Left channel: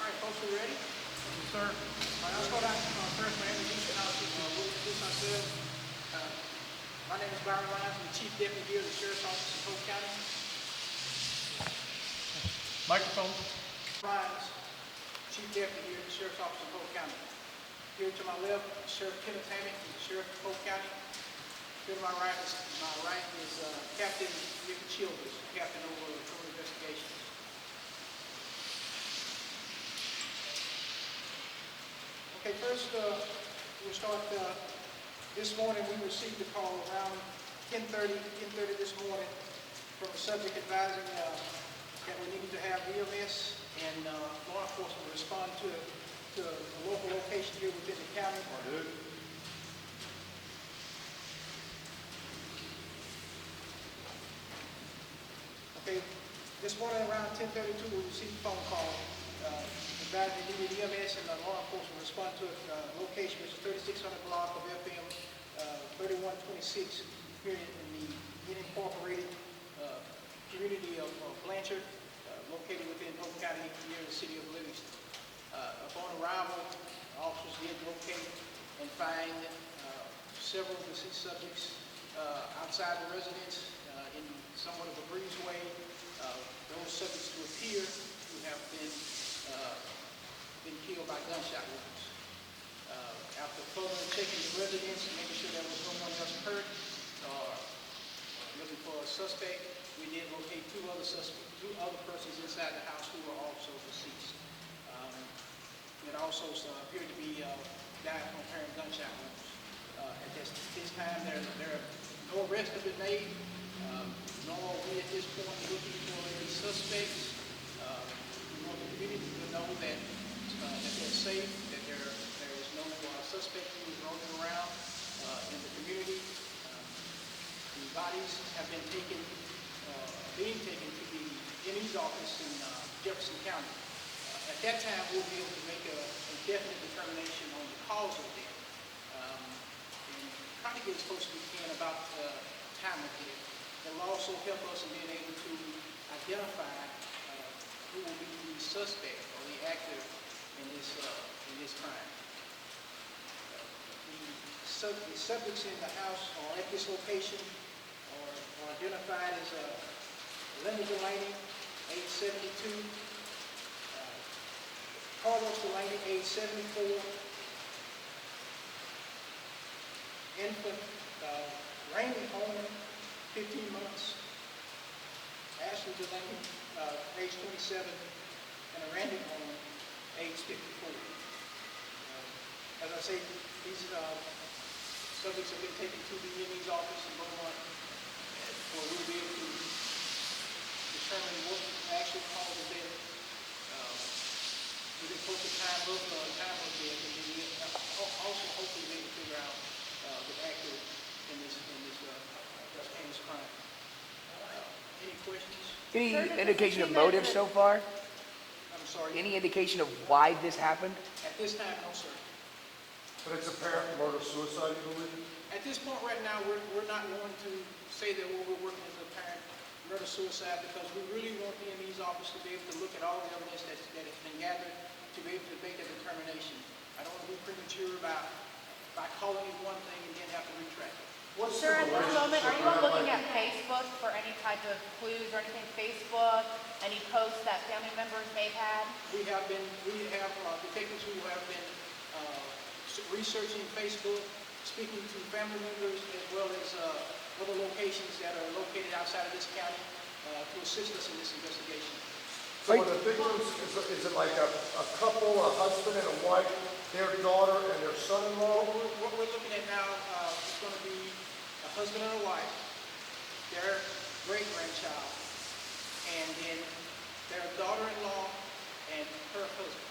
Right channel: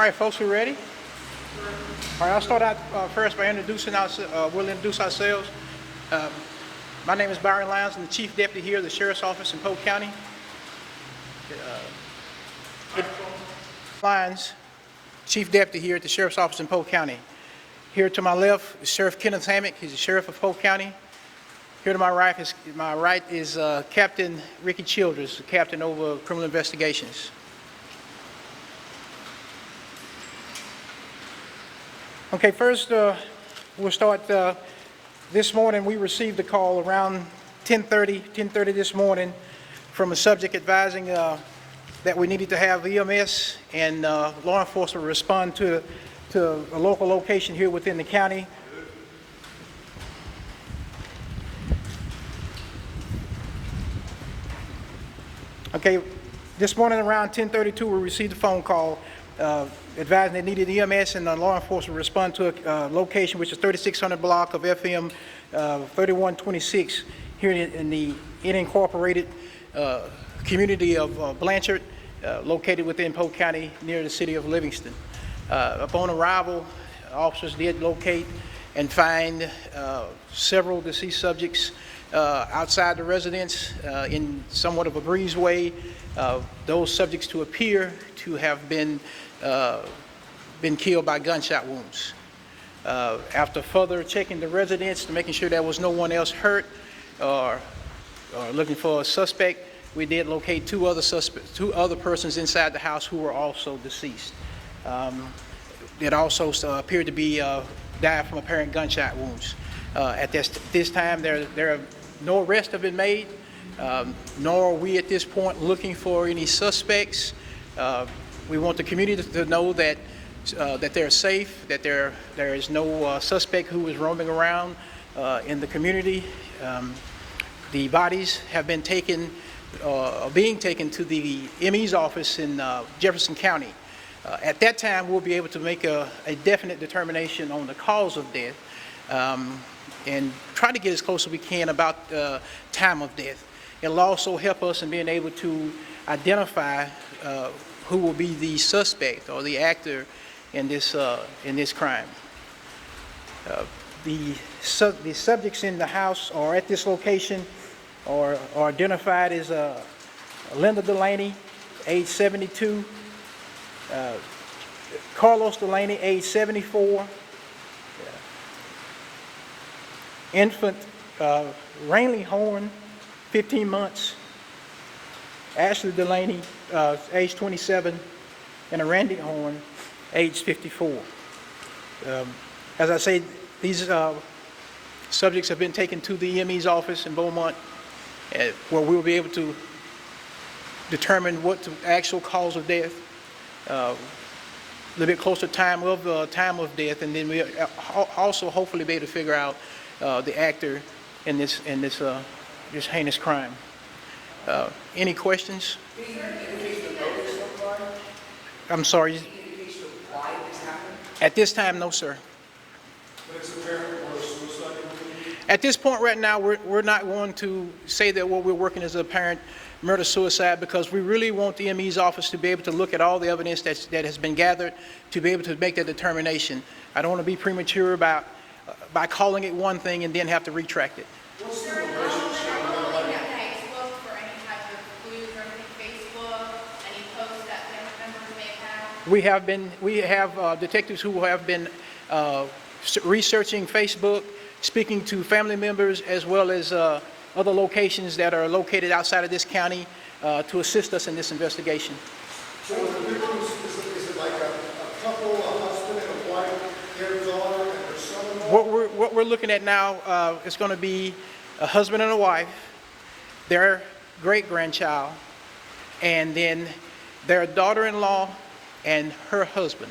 All right, folks, we ready? All right, I'll start out first by introducing we'll introduce ourselves. My name is Byron Lyons. I'm the Chief Deputy here at the Sheriff's Office in Polk County. Lyons, Chief Deputy here at the Sheriff's Office in Polk County. Here to my left is Sheriff Kenneth Hammack. He's the Sheriff of Polk County. Here to my right is Captain Ricky Childress, the Captain over Criminal Investigations. Okay, first we'll start. This morning we received a call around 10:30 this morning from a subject advising that we needed to have EMS and law enforcement respond to a local location here within the county. Okay, this morning around 10:32 we received a phone call advising they needed EMS and law enforcement respond to a location which is 3600 block of FM 3126 here in the unincorporated community of Blanchard, located within Polk County near the city of Livingston. Upon arrival, officers did locate and find several deceased subjects outside the residence in somewhat of a breezeway. Those subjects to appear to have been killed by gunshot wounds. After further checking the residence and making sure there was no one else hurt or looking for a suspect, we did locate two other persons inside the house who were also deceased. It also appeared to be died from apparent gunshot wounds. At this time, no arrests have been made, nor are we at this point looking for any suspects. We want the community to know that they're safe, that there is no suspect who is roaming around in the community. The bodies have been being taken to the ME's office in Jefferson County. At that time, we'll be able to make a definite determination on the cause of death and try to get as close as we can about time of death. It'll also help us in being able to identify who will be the suspect or the actor in this crime. The subjects in the house or at this location are identified as Linda Delaney, age 72, Carlos Delaney, age 74, infant Rainley Horn, 15 months, Ashley Delaney, age 27, and Randy Horn, age 54. As I say, these subjects have been taken to the EME's office in Beaumont, where we'll be able to determine what the actual cause of death, a little bit closer time of death, and then we also hopefully be able to figure out the actor in this heinous crime. Any questions? Any indication of motive so far? I'm sorry? Any indication of why this happened? At this time, no, sir. But it's apparent murder-suicide. At this point right now, we're not going to say that what we're working is apparent murder-suicide, because we really want the ME's office to be able to look at all the evidence that has been gathered to be able to make that determination. I don't want to be premature by calling it one thing and then have to retract it. What's the relationship? Are you looking at Facebook for any type of clues or anything? Facebook, any posts that family members may have? We have detectives who have been researching Facebook, speaking to family members as well as other locations that are located outside of this county to assist us in this investigation. So the victims, is it like a couple, a husband and a wife, their daughter and their son-in-law? What we're looking at now is going to be a husband and a wife, their great-grandchild, and then their daughter-in-law and her husband.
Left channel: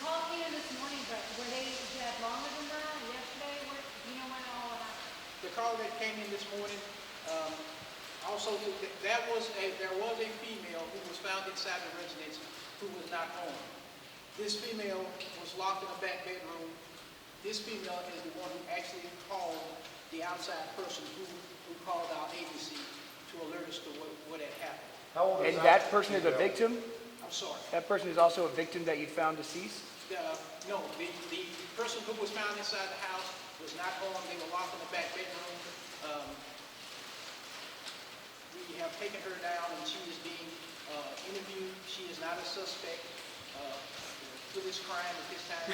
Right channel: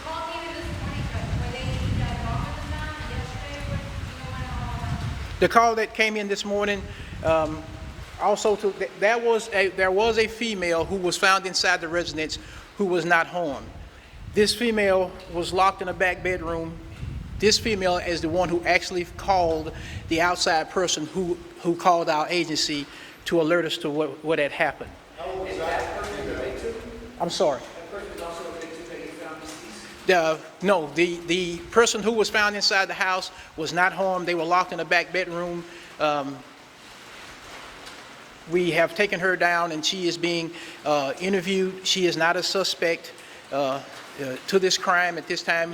The call came in this morning, but were they longer than that? Yesterday, what, you know, when all that? The call that came in this morning, there was a female who was found inside the residence who was not harmed. This female was locked in a back bedroom. This female is the one who actually called the outside person who called our agency to alert us to what had happened. Is that person the victim? I'm sorry. That person is also a victim that you found deceased? No, the person who was found inside the house was not harmed. They were locked in the back bedroom. We have taken her down, and she is being interviewed. She is not a suspect to this crime at this time.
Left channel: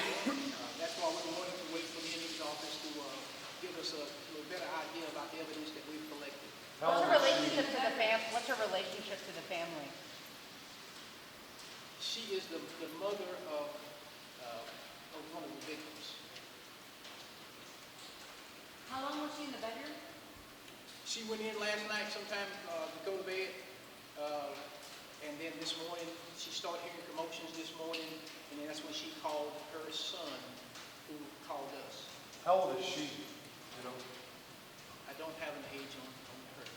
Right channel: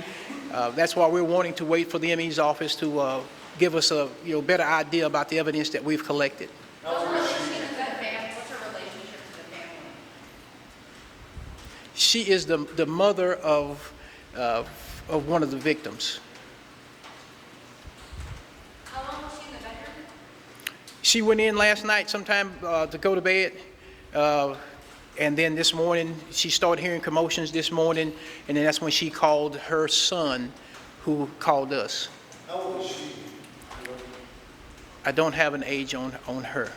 That's why we're wanting to wait for the ME's office to give us a better idea about the evidence that we've collected. What's her relationship to the family? What's her relationship to the family? She is the mother of one of the victims. How long was she in the bedroom? She went in last night sometime to go to bed, and then this morning she started hearing commotions this morning, and then that's when she called her son, who called us. How old is she? I don't have an age on her.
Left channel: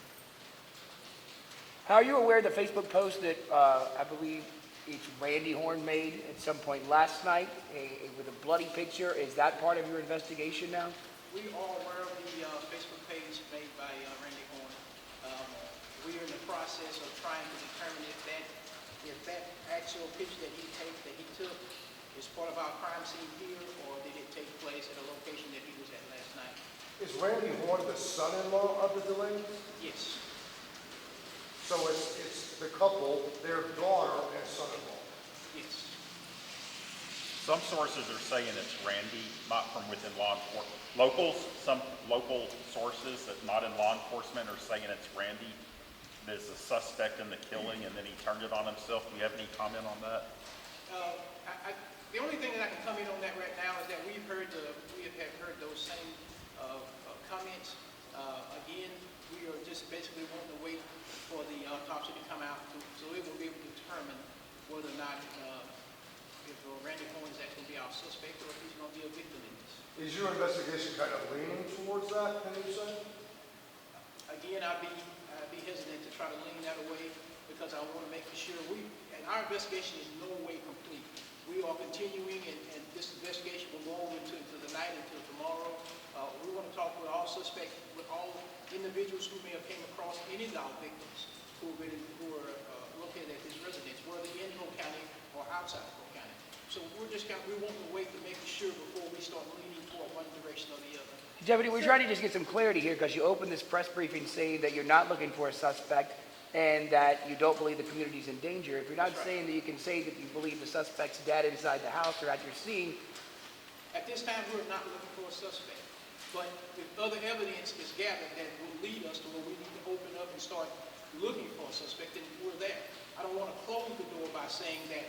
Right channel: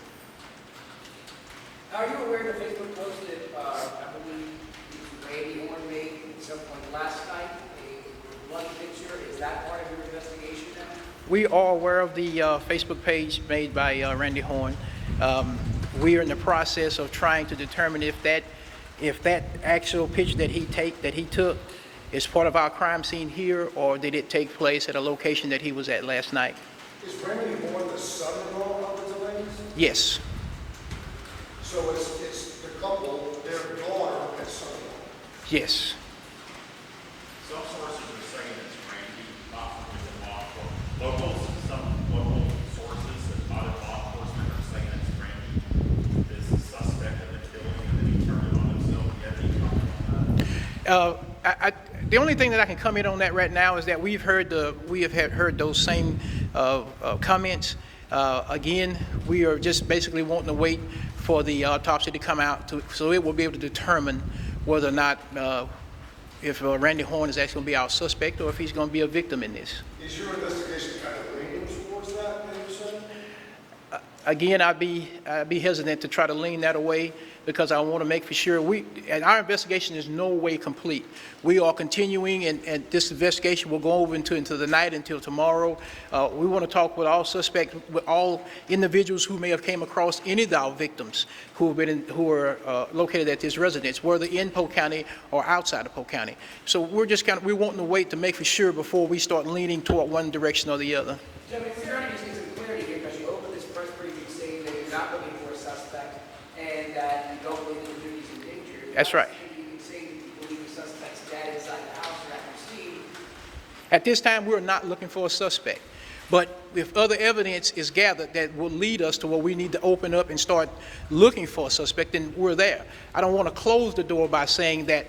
How are you aware of the Facebook post that I believe Randy Horn made at some point last night with a bloody picture? Is that part of your investigation now? We are aware of the Facebook page made by Randy Horn. We are in the process of trying to determine if that actual picture that he took is part of our crime scene here, or did it take place at a location that he was at last night. Is Randy Horn the son-in-law of the Delaney's? Yes. So it's the couple, their daughter and son-in-law. Yes. Some sources are saying it's Randy, not from within law enforcement. Some local sources that not in law enforcement are saying it's Randy as the suspect of the killing, and then he turned it on himself. Do you have any comment on that? The only thing that I can comment on that right now is that we have heard those same comments. Again, we are just basically wanting to wait for the autopsy to come out, so it will be able to determine whether or not if Randy Horn is actually going to be our suspect or if he's going to be a victim in this. Is your investigation kind of leaning towards that, maybe, sir? Again, I'd be hesitant to try to lean that away, because I want to make for sure and our investigation is no way complete. We are continuing, and this investigation will go over into the night until tomorrow. We want to talk with all suspects, with all individuals who may have came across any of our victims who are located at this residence, whether in Polk County or outside of Polk County. So we're wanting to wait to make for sure before we start leaning toward one direction or the other. Deputy, we're trying to just get some clarity here because you opened this press briefing saying that you're not looking for a suspect and that you don't believe the community is in danger. You're That's right. not saying that you can say that you believe the suspect's dead inside the house or at your scene. At this time, we're not looking for a suspect. But if other evidence is gathered that will lead us to where we need to open up and start looking for a suspect, then we're there. I don't want to close the door by saying that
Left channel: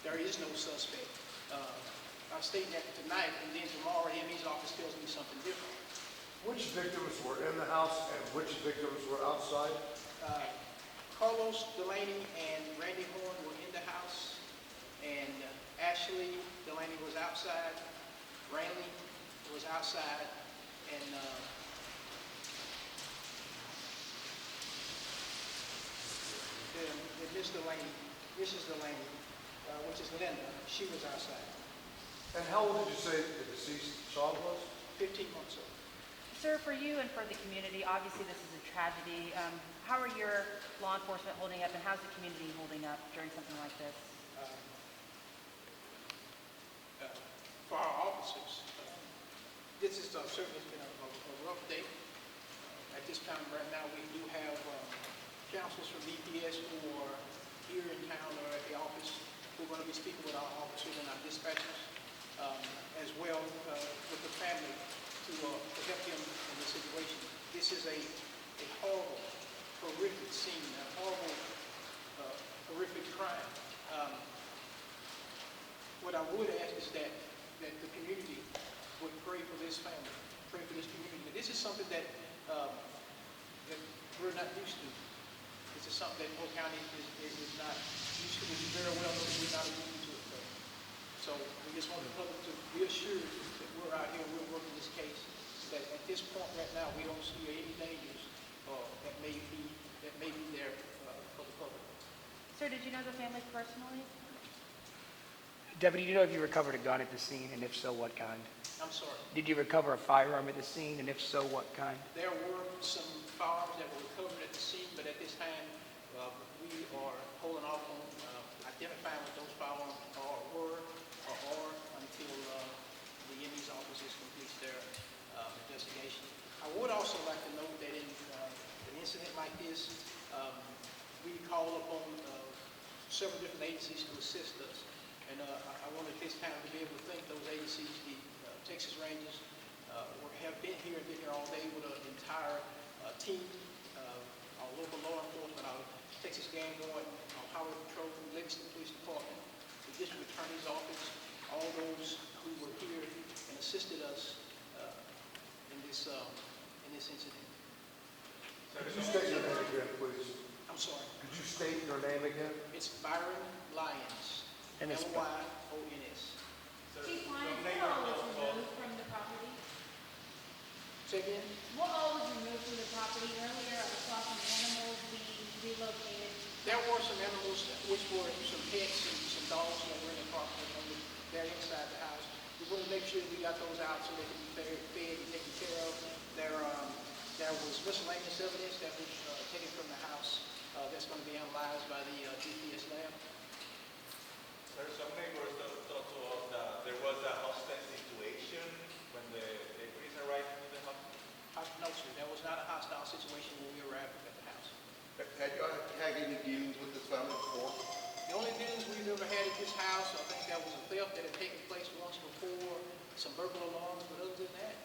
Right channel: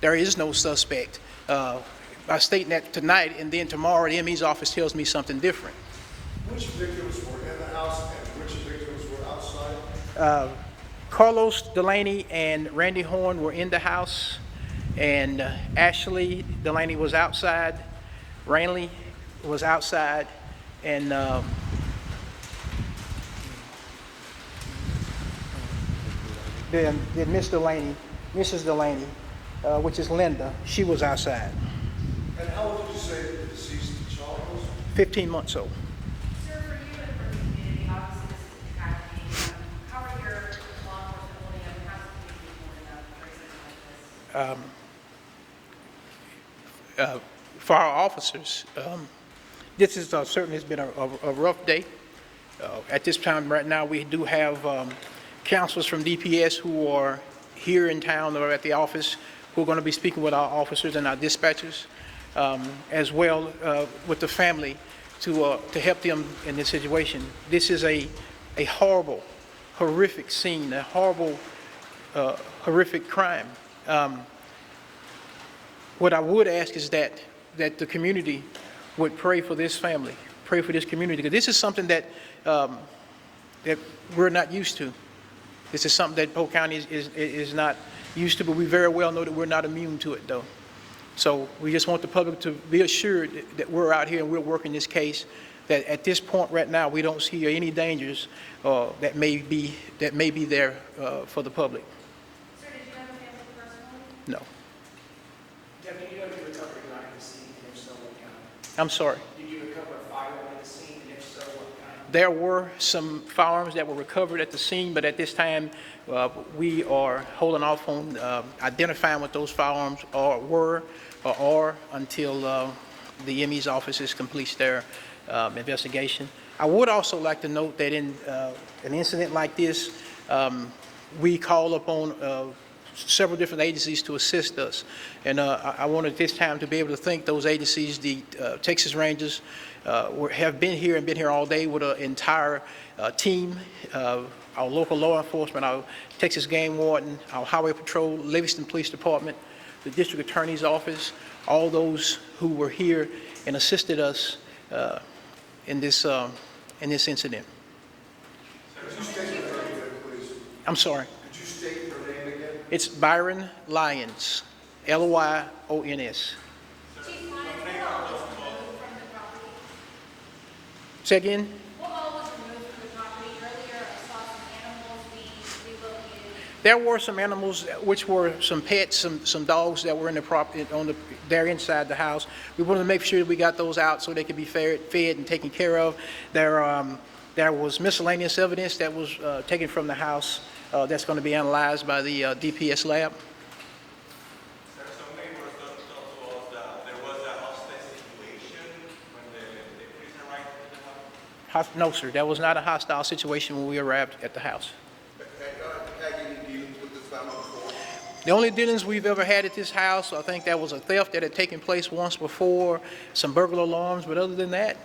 there is no suspect, by stating that tonight, and then tomorrow the ME's office tells me something different. Which victims were in the house and which victims were outside? Carlos, Delaney, and Randy Horn were in the house, and Ashley Delaney was outside, Ranley was outside, and then Mrs. Delaney, which is Linda, she was outside. And how old did you say the deceased child was? 15 months old. Sir, for you and for the community, obviously this is a tragedy. How are your law enforcement holding up, and how's the community holding up during something like this? For our officers, this is certainly has been a rough day. At this time right now, we do have counselors from DPS who are here in town or at the office who are going to be speaking with our officers and our dispatchers, as well with the family to help them in this situation. This is a horrible, horrific scene, a horrible, horrific crime. What I would ask is that the community would pray for this family, pray for this community, because this is something that we're not used to. This is something that Polk County is not used to, but we very well know that we're not immune to it, though. So we just want the public to be assured that we're out here and we're working this case, that at this point right now, we don't see any dangers that may be there for the public. Sir, did you know the family personally? No. Deputy, do you know if you recovered a gun at the scene, and if so, what kind? I'm sorry. Did you recover a firearm in the scene, and if so, what kind? There were some firearms that were recovered at the scene, but at this time, we are holding off on identifying what those firearms were or are until the ME's offices completes their investigation. I would also like to note that in an incident like this, we call upon several different agencies to assist us. And I wanted this time to be able to thank those agencies. The Texas Rangers have been here and been here all day with an entire team, our local law enforcement, our Texas Game Warden, our Highway Patrol, Livingston Police Department, the District Attorney's Office, all those who were here and assisted us in this incident. Could you state your name again, please? I'm sorry. Could you state your name again? It's Byron Lyons, Lyons. Chief, one is what all was removed from the property? Say again? What all was removed from the property? Earlier, I saw some animals being relocated. There were some animals, which were some pets, some dogs that were in the property, they're inside the house. We wanted to make sure that we got those out so they could be fed and taken care of. There was miscellaneous evidence that was taken from the house that's going to be analyzed by the DPS lab. Sir, some neighbors told us that there was a hostage situation when the police arrived at the house. No, sir, that was not a hostile situation when we arrived at the house. Had any dealings with this family before? The only dealings we've ever had at this house, I think that was a theft that had taken place once before, some burglar alarms, but other than that,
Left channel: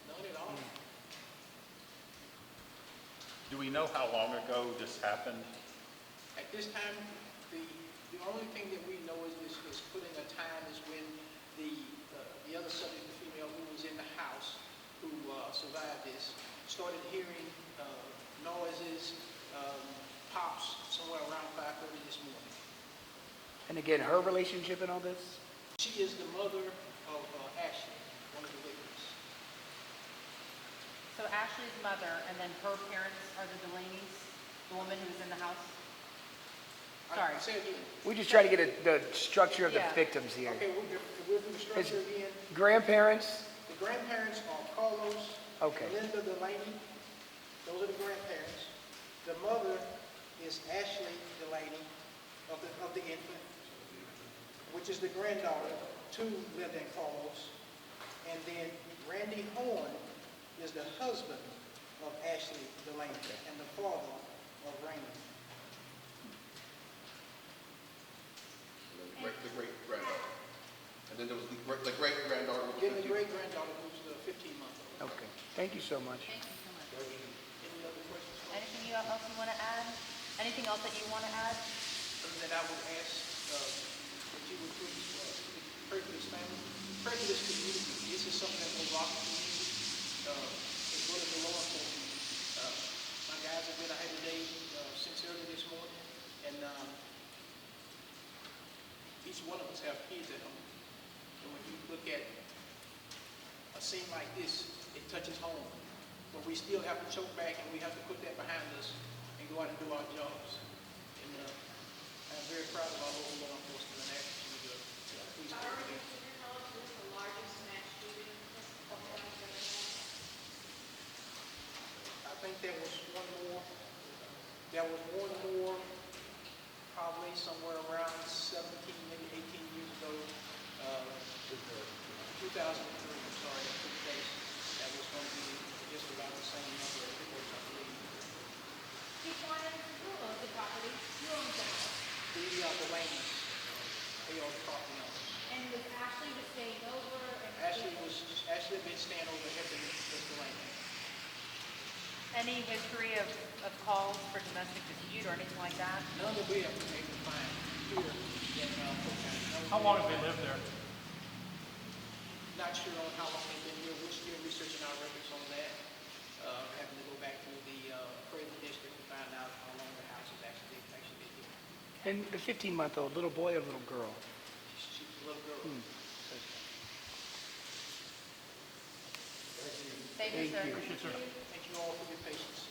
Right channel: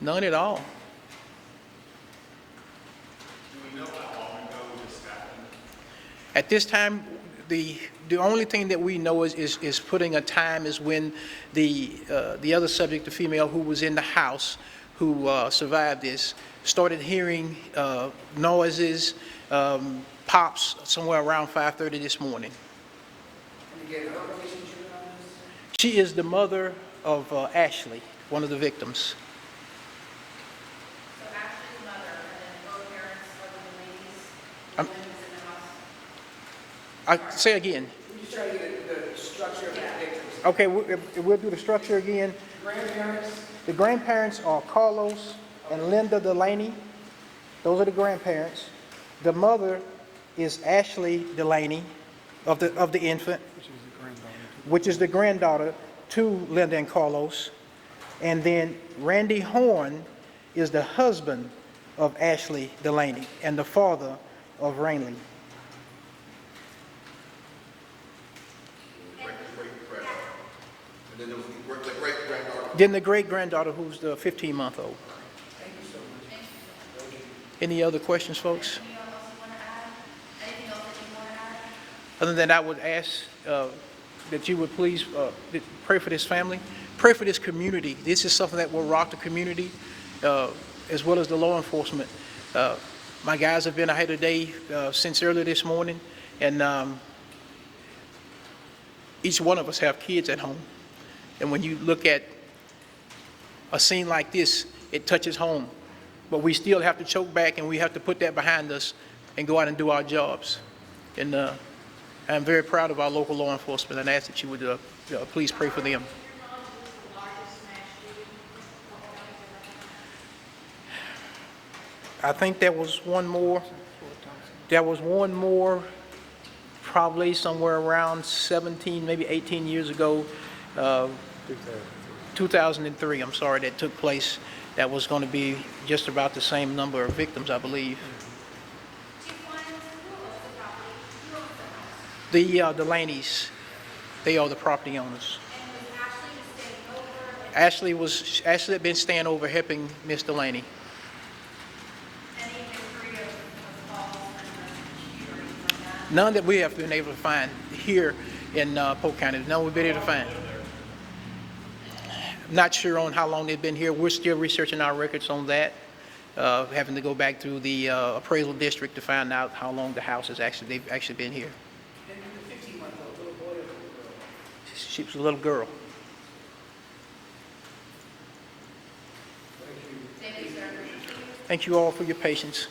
none at all. Do we know how long ago this happened? At this time, the only thing that we know is putting a time is when the other subject, the female who was in the house, who survived this, started hearing noises, pops somewhere around 5:30 this morning. And again, her relationship in all this? She is the mother of Ashley, one of the victims. So Ashley's mother, and then her parents are the ladies, woman who's in the house. Say again. We just try to get the structure of the Yeah. victims here. Okay, we'll do the structure again. Grandparents, The grandparents are Carlos and Linda Delaney. Those are the grandparents. The mother is Ashley Delaney of the infant, which is the granddaughter to Linda and Carlos. And then Randy Horn is the husband of Ashley Delaney and the father of Rainley. And then there was the great-granddaughter. Then the great-granddaughter, who's the 15-month-old. thank you so much. Any other questions, folks? Anything else you want to add? Anything else that you want to add? Other than that, I would ask that you would please pray for this family, pray for this community. This is something that will rock the community as well as the law enforcement. My guys have been out here today since earlier this morning, and each one of us have kids at home. And when you look at a scene like this, it touches home. But we still have to choke back, and we have to put that behind us and go out and do our jobs. And I'm very proud of our local law enforcement, and I ask that you would please pray for them. I think there was one more. There was one more, probably somewhere around 17, maybe 18 years ago, 2003, I'm sorry, that took place. That was going to be just about the same number of victims, I believe. The Delaneys, they are the property owners. Ashley had been staying over helping Miss Delaney. Any history of calls for domestic dispute or anything like that? None that we have been able to find here in Polk County. None we've been able to find. Not sure on how long they've been here. We're still researching our records on that. Having to go back through the appraisal district to find out how long the house has they've actually been here. And the 15-month-old, little boy or little girl? She was a little girl. Thank you, sir. Thank you all for your patience.